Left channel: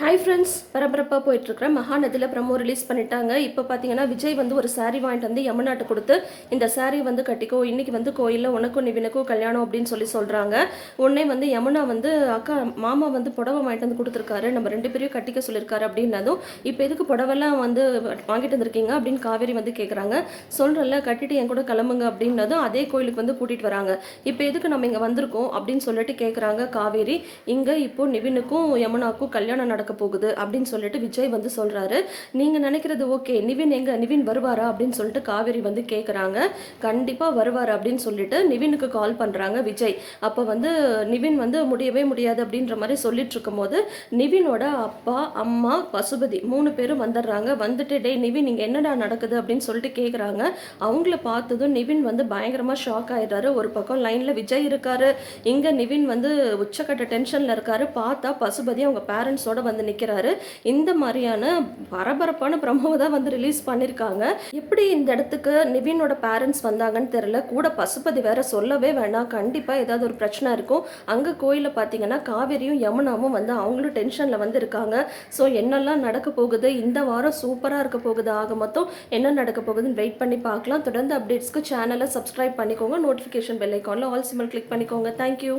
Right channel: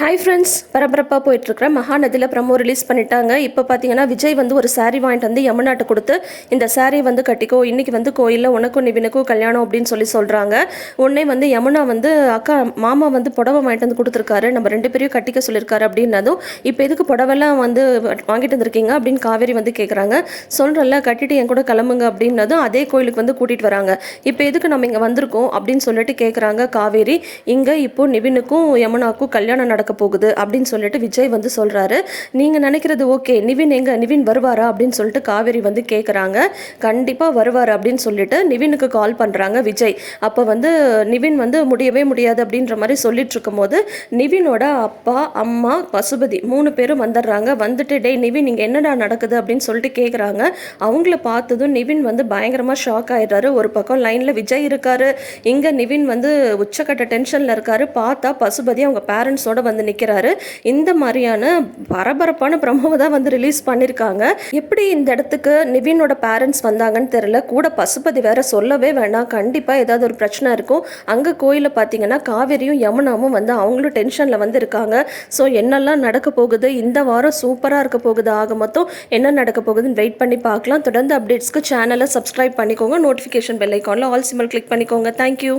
Hi friends, பரபரப்பாக போயிட்டுருக்கிற மகாநதியில் promo release பண்ணிட்டாங்க. இப்போ பார்த்தீங்கன்னா விஜய் வந்து ஒரு சாரீ வாங்கிட்டு வந்து யமுனாட்ட கொடுத்து, இந்த சாரீ வந்து கட்டிக்கோ, இன்றைக்கி வந்து கோயிலில் உனக்கும் நிவினுக்கும் கல்யாணம் அப்படின்னு சொல்கிறாங்க. உடனே வந்து யமுனா வந்து அக்கா மாமா வந்து புடவை வாங்கிட்டு வந்து கொடுத்துருக்காரு, நம்ம 2 பேரையும் கட்டிக்க சொல்லியிருக்காரு அப்படின்னதும், இப்போ எதுக்கு புடவெல்லாம் வந்து வாங்கிட்டு வந்திருக்கீங்க அப்படின்னு காவேரி வந்து கேட்குறாங்க. சொல்கிறல்ல கட்டிட்டு என் கூட கிளம்புங்க அப்படின்னதும் அதே கோயிலுக்கு வந்து கூட்டிகிட்டு வராங்க. இப்போ எதுக்கு நம்ம இங்கே வந்திருக்கோம் அப்படின்னு சொல்லிட்டு கேட்குறாங்க காவேரி. இங்கே இப்போது நிவினுக்கும் யமுனாவுக்கும் கல்யாணம் நடக்க போகுது அப்படின்னு சொல்லிட்டு விஜய் வந்து சொல்றாரு. நீங்க நினைக்கிறது ஓகே, நிவின் எங்க, நிவின் வருவாரா அப்படின்னு சொல்லிட்டு காவேரி வந்து கேட்குறாங்க. கண்டிப்பா வருவார் அப்படின்னு சொல்லிட்டு நிவினுக்கு கால் பண்றாங்க விஜய். அப்போ வந்து நிவின் வந்து முடியவே முடியாது அப்படின்ற மாதிரி சொல்லிட்டு இருக்கும்போது நிவினோட அப்பா அம்மா பசுபதி 3 பேரும் வந்துடுறாங்க. வந்துட்டு டேய் நிவின் இங்கே என்னடா நடக்குது அப்படின்னு சொல்லிட்டு கேட்குறாங்க. அவங்கள பார்த்ததும் நிவின் வந்து பயங்கரமாக ஷாக் ஆயிடுறாரு. ஒரு பக்கம் லைனில் விஜய் இருக்காரு, இங்கே நிவின் வந்து உச்சக்கட்ட டென்ஷனில் இருக்காரு. பார்த்தா பசுபதி அவங்க பேரண்ட்ஸோட வந்து நிற்கிறாரு. இந்த மாதிரியான பரபரப்பான ப்ரமோவை தான் வந்து ரிலீஸ் பண்ணியிருக்காங்க. எப்படி இந்த இடத்துக்கு நிவினோட பேரண்ட்ஸ் வந்தாங்கன்னு தெரியல. கூட பசுபதி வேற சொல்லவே வேண்டாம், கண்டிப்பாக ஏதாவது ஒரு பிரச்சனை இருக்கும். அங்கே கோயிலில் பார்த்தீங்கன்னா காவேரியும் யமுனாவும் வந்து அவங்களும் டென்ஷனில் வந்து இருக்காங்க. ஸோ என்னெல்லாம் நடக்க போகுது, இந்த வாரம் சூப்பராக இருக்க போகுது. ஆக மொத்தம் என்ன நடக்க போகுதுன்னு வெயிட் பண்ணி பார்க்கலாம். தொடர்ந்து அப்டேட்ஸ்க்கு சேனலை சப்ஸ்கிரைப் பண்ணிக்கோங்க. நோட்டிஃபிகேஷன் பெல் ஐக்கானில் ஆல் சிம்பிள் கிளிக் பண்ணிக்கோங்க. தேங்க்யூ.